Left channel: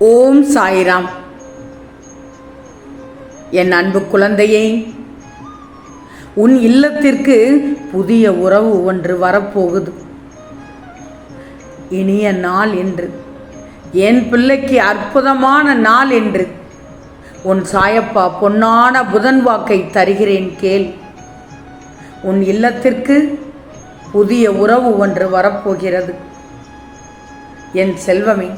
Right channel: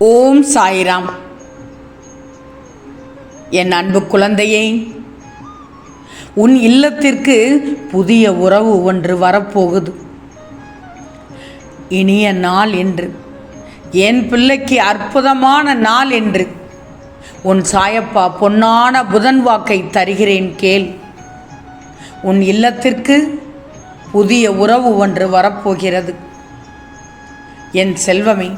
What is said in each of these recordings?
ஓம் சாய்ராம். என் அன்பு குழந்தையே, உன் இல்லத்திற்கு புதிய உறவு ஒன்று வரப்போகுது. இனிய நாள் என்று, என் பிள்ளைக்கு அற்புதமான நாள் என்று உன் சாயப்பா பொன்னான புதன் வாக்கை தருகிறேன் கேள். உன் இல்லத்திற்கு புதிய உறவு ஒன்று வரப்போகிறது. என் செல்வமே,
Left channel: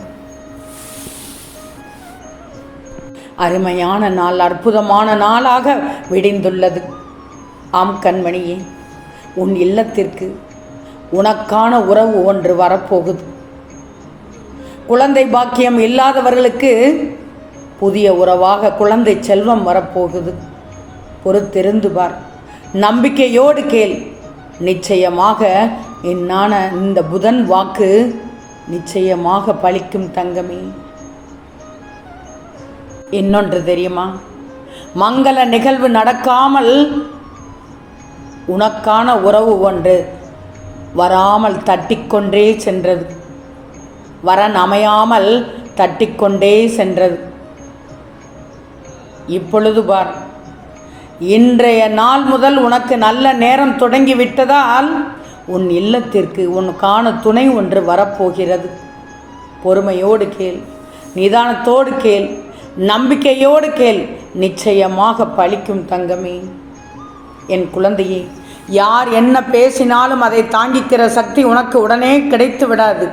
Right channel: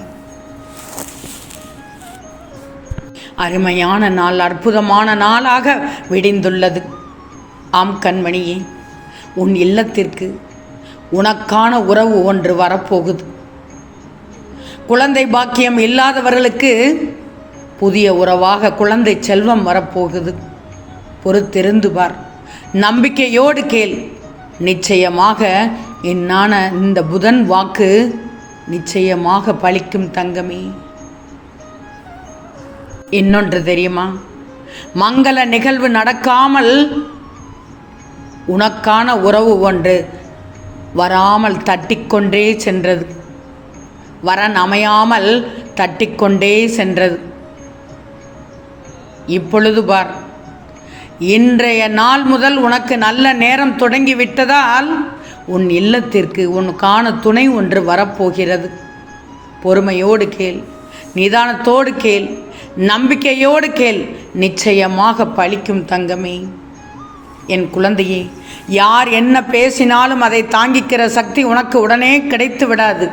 அருமையான நாள், அற்புதமான நாளாக விடிந்துள்ளது. ஆம் கண்மணியே, உன் இல்லத்திற்கு உனக்கான உறவு ஒன்று வரப்போகுது. குழந்தை பாக்கியம் இல்லாதவர்களுக்கு புதிய உறவாக குழந்தை செல்வம் வரப்போகுது. பொறுத்திருந்து பார், நம்பிக்கையோடு கேள். நிச்சயமாக என்னான இந்த புதன் வாக்கு நிச்சயமாக பலிக்கும் தங்கமே. இன்னொன்று தெரியுமா? மங்கள நிகழ்வு நடக்காமல் உனக்கான உறவு ஒன்று வராமல் தட்டிக்கொண்டே சென்றது. வரன் அமையாமல் தட்டிக்கொண்டே சென்றது. இப்பொழுது பார், இன்றைய நாள் முதல் உனக்கு நல்ல நேரம் தொடங்கிவிட்டதால் உன் இல்லத்திற்கு உனக்கான துணை ஒன்று வரப்போகிறது. பொறுமையோடு கேள், நிதானத்தோடு கேள், நம்பிக்கையோடு கேள். நிச்சயமாக பலிக்கும் தங்கமே. என் குழந்தையே, யார் என்ன பேசினாலும் அதை தாங்கிக்கிற சக்தி உனக்கு உடனே கிடைத்து விடாது.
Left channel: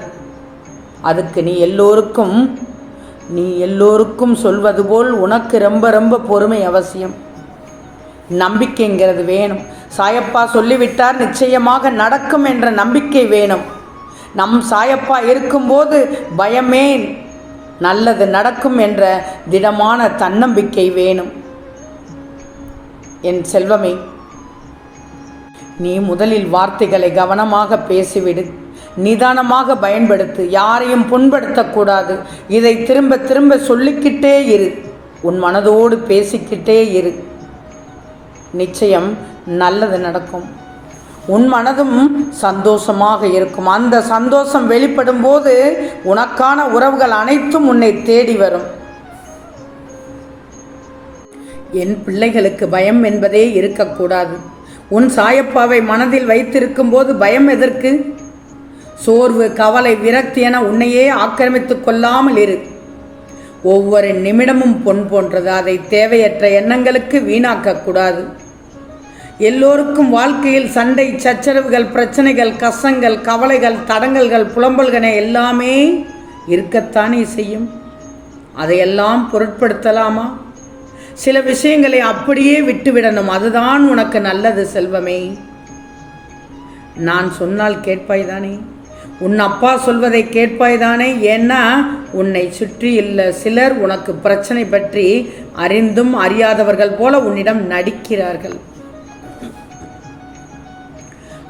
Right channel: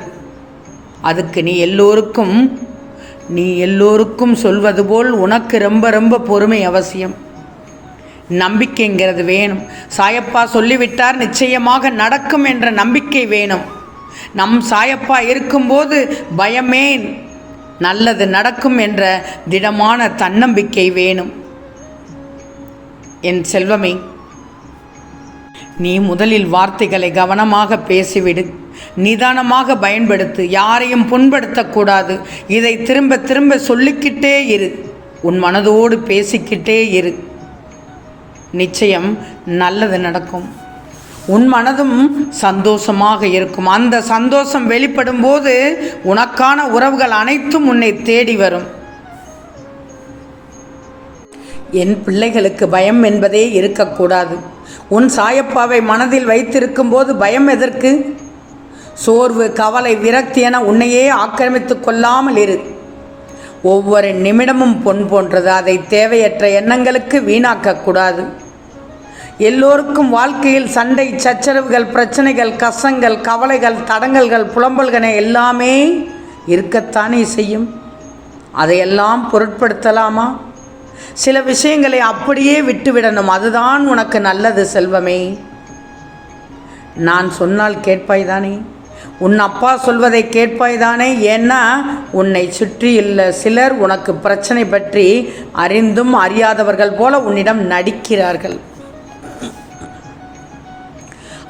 அதுக்கு நீ எல்லோருக்கும் சொல்வது போல் உனக்கு ரொம்ப ரொம்ப பொறுமை அவசியம். நம்பிக்கைங்கிறது வேணும். சாயப்பா சொல்லிவிட்டார், நிச்சயமாக நடக்கும் என்ற நம்பிக்கை வேணும். நம் சாயப்பா இருக்கும்போது பயமேன், நல்லது நடக்கும் என்ற திடமான தன்னம்பிக்கை வேணும். என் செல்வமே, நீ முதலில் வார்த்தைகளை கவனமாக பேசிவிடு, நிதானமாக பயன்படுத்து. யாரையும் புண்படுத்தக்கூடாது. இதை திரும்ப திரும்ப சொல்லிக்கிட்டே இரு. உன் மனதோடு பேசிக்கிட்டே இரு. நிச்சயம் நல்லது நடக்கும். உன் மனதும் சந்தோஷமாக இருக்கும். அந்த சந்தோஷம் வெளிப்படும் போது உனக்கான உறவுகள் அனைத்தும் உன்னை தேடி வரும். என் பிள்ளைகளுக்கு பயம் என்பதே இருக்கக்கூடாது. உன் சாயப்பாவை மனதில் வைத்திருக்கும் போது பயம் எதற்கு? சோர்வு, கவலை, விரக்தி என உன்னையே ஆக்கிரமித்து கொள்ளாமல் இரு. ஒவ்வொரு நிமிடமும் பொன் போன்றது. அதை தேவையற்ற எண்ணங்களுக்கு வீணாக்கக்கூடாது. எல்லோருக்கும் வாழ்க்கையில் சண்டை, சச்சரவுகள், பிரச்சனைகள், கஷ்டங்கள், கவலைகள், தடங்கல்கள், புலம்பல்கள் எல்லாமே இருக்கத்தானே செய்யும். அதையெல்லாம் பொருட்படுத்தலாமா? சில விஷயங்களை அப்படியே விட்டுவிடணும். அதுதான் உனக்கு நல்லது செல்வமே. நான் சொன்னால் கேட்பாய்தானே? உன் அப்பா சொல்வதை கேட்பாய்தானே? ஏன்னா உன்னை சுற்றியுள்ள சிலர் உனக்கு பிரச்சனை பற்றி அறிந்தும் அறியாதவர்கள் போல உன்னிடம் நடிக்கிறார்கள்.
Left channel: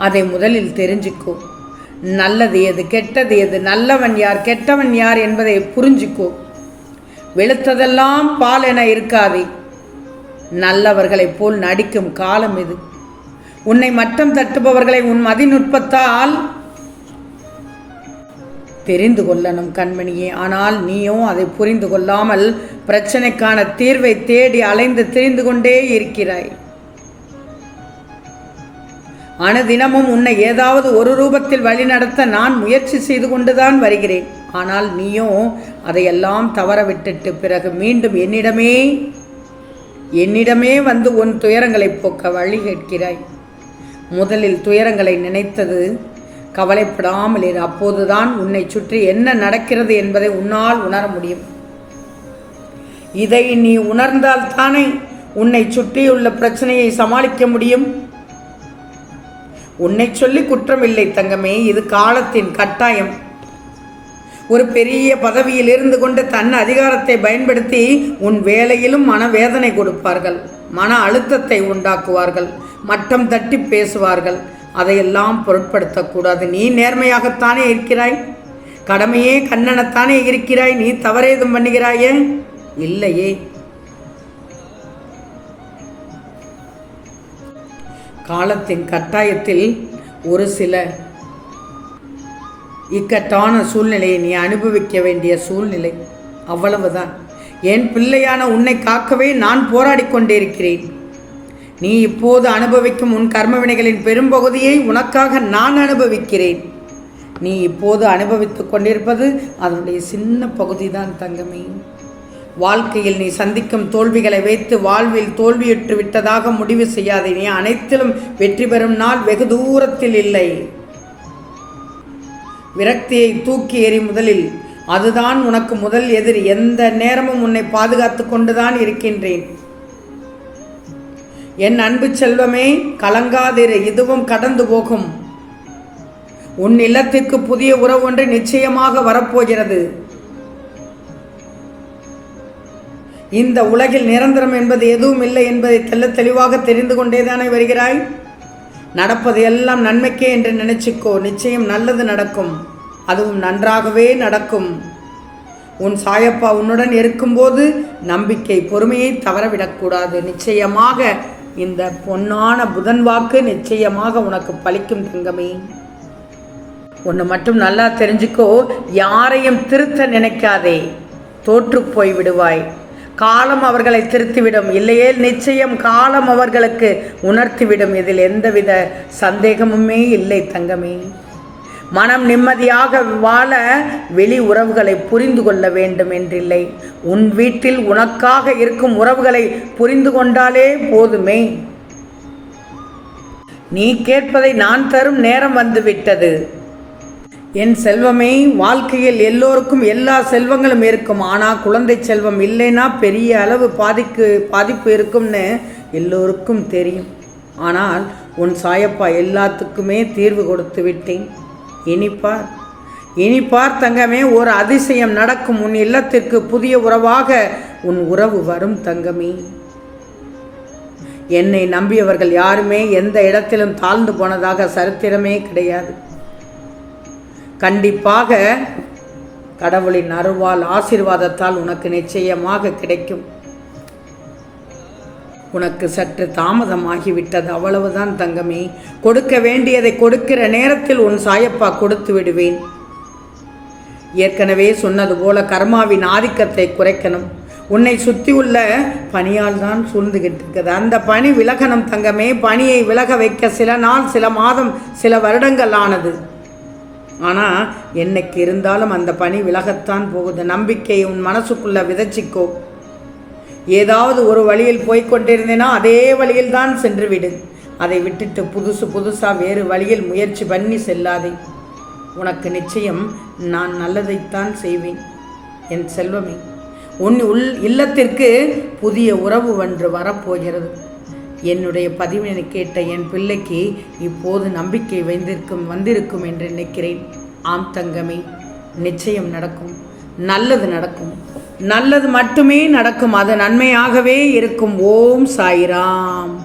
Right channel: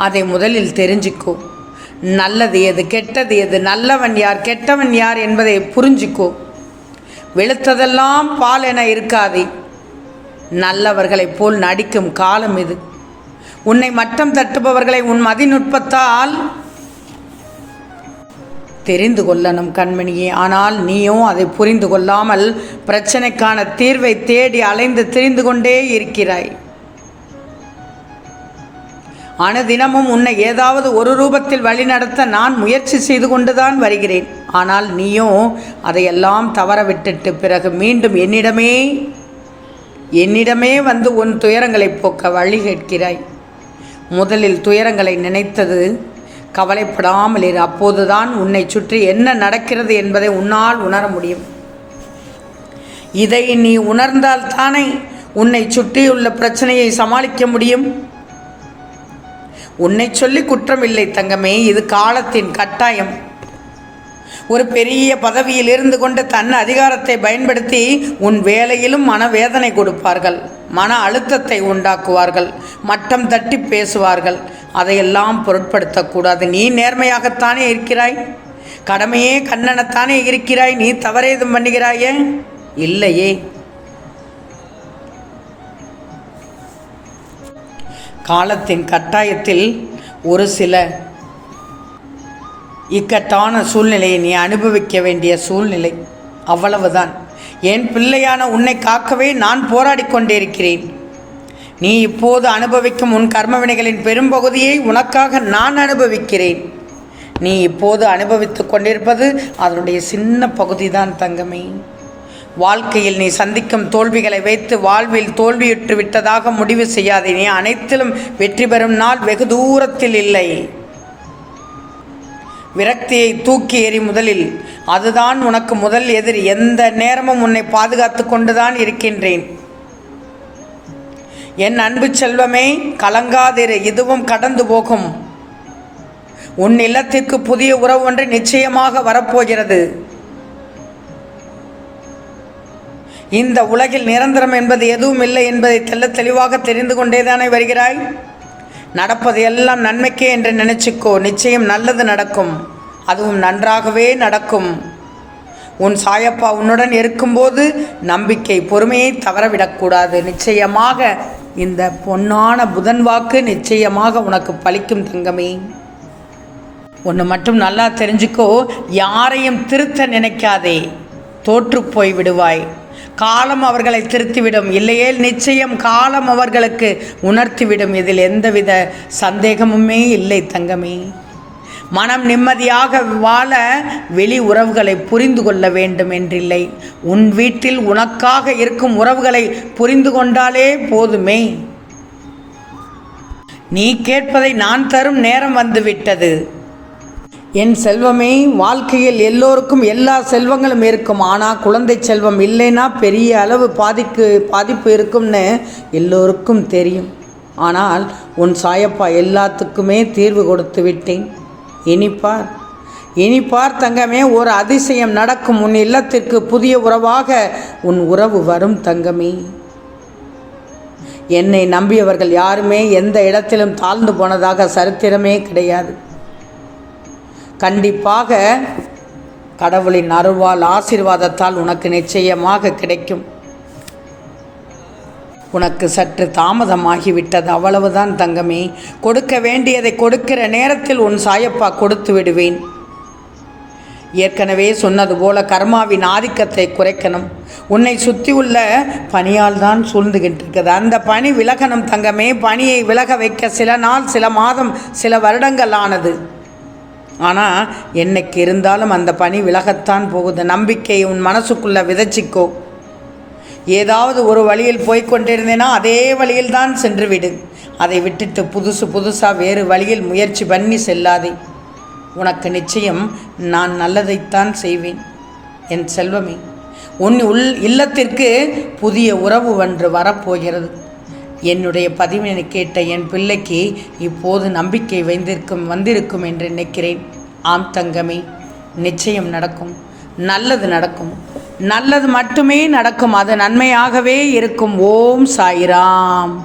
அதை முதலில் தெரிஞ்சுக்கோ. நல்லது எது, கெட்டது எது, நல்லவன் யார், கெட்டவன் யார் என்பதை புரிஞ்சுக்கோ. வெளுத்ததெல்லாம் பால் என இருக்காதே. நல்லவர்களைப் போல் நடிக்கும் காலம் இது. உன்னை மட்டம் தட்டுபவர்களை உன் மதிநுட்பத்தால் தெரிந்து கொள்ளணும் கண்மணியே. ஆனால் நீயோ அதை புரிந்து கொள்ளாமல் பிரச்சனைக்கான தீர்வை தேடி அலைந்து திரிந்து கொண்டே இருக்கிறாய். அனுதினமும் உன்னை ஏதாவது ஒரு ரூபத்தில் வழிநடத்த நான் முயற்சி செய்து கொண்டுதான் வருகிறேன். ஆனால் நீயோ அதையெல்லாம் தவற விட்டுட்டு பிறகு மீண்டும் என்னிடமே வந்து உன் துயரங்களை போக்க வழி கேட்கிறாய். முதலில் துயரங்களை நினைத்தது கவலைப்படாமல் இரு. அப்போதுதான் உன்னை சுற்றி என்ன நடக்கிறது என்பதை உன்னால் உணர முடியும். இதை நீ உணர்ந்தால்தானே உன்னை சுற்றியுள்ள பிரச்சனையை சமாளிக்க முடியும். உன்னை சொல்லி குற்றமில்லை தங்கமே, இது காலத்தின் கட்டாயம். ஒரு பெரிய பதவியில் இருந்து கொண்டு தன் அதிகாரத்தை பயன்படுத்தி உன் வேலையிலும் மனவேதனை கொடுப்பார்கள், மன அழுத்தத்தை உண்டாக்குவார்கள், மட்டம் தட்டி பேசுவார்கள். அதையெல்லாம் பொருட்படுத்தக்கூடாது. நீ நேர்மையாகத்தானே இருக்கிறாய், கடமையே கண்ணனத்தானே இருக்கிறாய். நீ தவறேதும் பண்ணுகிறாயே? இல்லையே. காலத்தின் கட்டாயத்தில் ஒரு சில இக்கட்டான சூழ்நிலையை நீ அனுபவிக்க வேண்டிய சூழ்நிலை. அவ்வளவுதான். என் பிள்ளையான உன்னை காக்கவே நான் போராடி கொண்டிருக்கிறேன். நீ இப்போது அனுபவிக்கும் உன் கர்மவினைகளின் பெரும்பகுதியை உனக்காக நான் அனுபவிக்கிறேன். நீ இப்போது அனுபவித்து கொண்டிருப்பது அதனுடைய சின்ன பகுதிதான் தங்கமே. வாழ்க்கையில் நீ சந்திக்கும் தோல்விகளை வைத்து வாழ்வில் தோல்வியுற்று விட்டதாக முடிவு செய்யாதே. நீ அனைத்திலும் வெற்றி பெறும் நாள் வெகு தூரத்தில் இல்லை. விரக்தியை தூக்கி எறி முதலில். அதுதான் உனக்கு முதல் எதிரி. எந்த நேரமும் உன்னை பாதுகாத்து கொண்டுதான் இருக்கின்றேன். என் அன்பு செல்வமே, கலங்காதிரு, இதுவும் கடந்து போகும். உன் இல்லத்திற்கு புதிய உறவு ஒன்று நிச்சயமாக வரப்போகிறது. இந்த உலகில் நிரந்தரம் என்பது எதுவும் இல்லை என்பதை தெள்ளத் தெளிவாக தெரிந்து கொண்டேதானே வருகிறாய். நடப்பது எல்லாம் நன்மைக்கே என்று நினைச்சுக்கோ. நிச்சயம் நல்லது நடக்கும். அதுவும் நன்றாகவே நடக்கும். உன் சாயப்பா உன்னுடன் இருக்கும்போது நம்பிக்கை, பொறுமையை தவறவிடக்கூடாது. நிச்சயமாக இந்த பொன்னான புதன் வாக்கு நிச்சயமாக உனக்கு பலிக்கும் தங்கமே. ஒன்று மட்டும் நல்லா தெரிஞ்சுக்கோ, யாரையும் திருத்த நினைக்காதே. தோற்று போய் விடுவாய். காலம் அவர்களை திருத்திவிடும். இல்லையேல் நிச்சயம் காலம் அவர்களுக்கு உணர்த்திவிடும். இதில் எந்தவித சந்தேகமுமே இல்லை தங்கமே. மனம் நிம்மதியாக வாழ வெளி உறவுகளை புரிந்து கொள்ள வேண்டும் என்றில்லை. உன் வீட்டில் உனக்காக இருக்கும் உறவுகளை புரிந்து கொண்டாலே போதுமே. நீ கேட்பதை நான் தரும் நேரம் வந்துவிட்டது. என் செல்வமே, வாழ்க்கையில் எல்லோருக்கும் எல்லா செல்வங்களும் இருக்கும். ஆனால் குழந்தை செல்வம் இல்லைன்னா பெரிய அளவு பாதிப்பு இருக்கும்னு எல்லோருக்கும் தெரியும். ஆனால் உன் சாயப்பா எல்லாத்துக்குமே தீர்வு கொடுத்து விட்டேன். இனிப்பார் தங்கமே, ஒரு அதிசயம் நடக்கும். உன் இல்லத்திற்கு புதிய உறவாக உன் உறவு வரும் தங்கமே. என்னை நம்பியவர்கள் யாருமே எந்த இடத்திலும் தாழ்ந்து போனதாக சரித்திரமே கிடையாது. கண்டிப்பாக கடவுளின் அருளால் ஆசீர்வாதத்தால் உனக்கு நிச்சயமாக கிடைக்கும். உனக்கு சற்று தாமதமாகிவிட்டது, அவ்வளவுதான் தங்கமே. கொடுக்க வேண்டியதை கொடுக்கிற நேரத்தில் உன் சாயப்பா கொடுத்து விடுவேன். ஏற்கனவே சொன்னது போல கர்மாவின் ஆதிக்கத்தை குறைக்கணும். உன்னை சுற்றி உள்ள பனியால் தான் சூழ்ந்துகிட்டு இருக்குது. அந்த பனி விலகணும் தங்கமே. பனியை விலக வைக்க சில நாள், சில மாதம், சில வருடங்கள் ஆனது. ஆனால் என்னைக்கு இருந்தாலும் அந்த பனி விலகத்தான் போகுது. நம்பிக்கையை உன் மனசுக்குள்ளே விதைச்சிக்கோ. ஏதாவது ஒரு வழியில் போய்கொண்டிருந்தேன்னா அதே வழியில் தான் சென்று விடு. அதை விட்டுட்டு புதுசாக வேறு வழியில் முயற்சி பண்ணி செல்லாதே. உனக்கு நிச்சயம் நான் நல்லதைத்தான் செய்வேன் என் செல்வமே. உன் இல்லத்திற்கு புதிய உறவு ஒன்று வரப்போகிறது. என்னுடைய பதிவினை கேட்ட என் பிள்ளைக்கு இப்போது நம்பிக்கை வந்திருக்கும் என்று நினைக்கிறேன். ஆம் தங்கமே, நிச்சயம் நடக்கும். நல்லது நடக்கும். நல்லது மட்டுமே நடக்கும். அது நன்மையாகவே இருக்கும். ஓம் சாய்ராம்.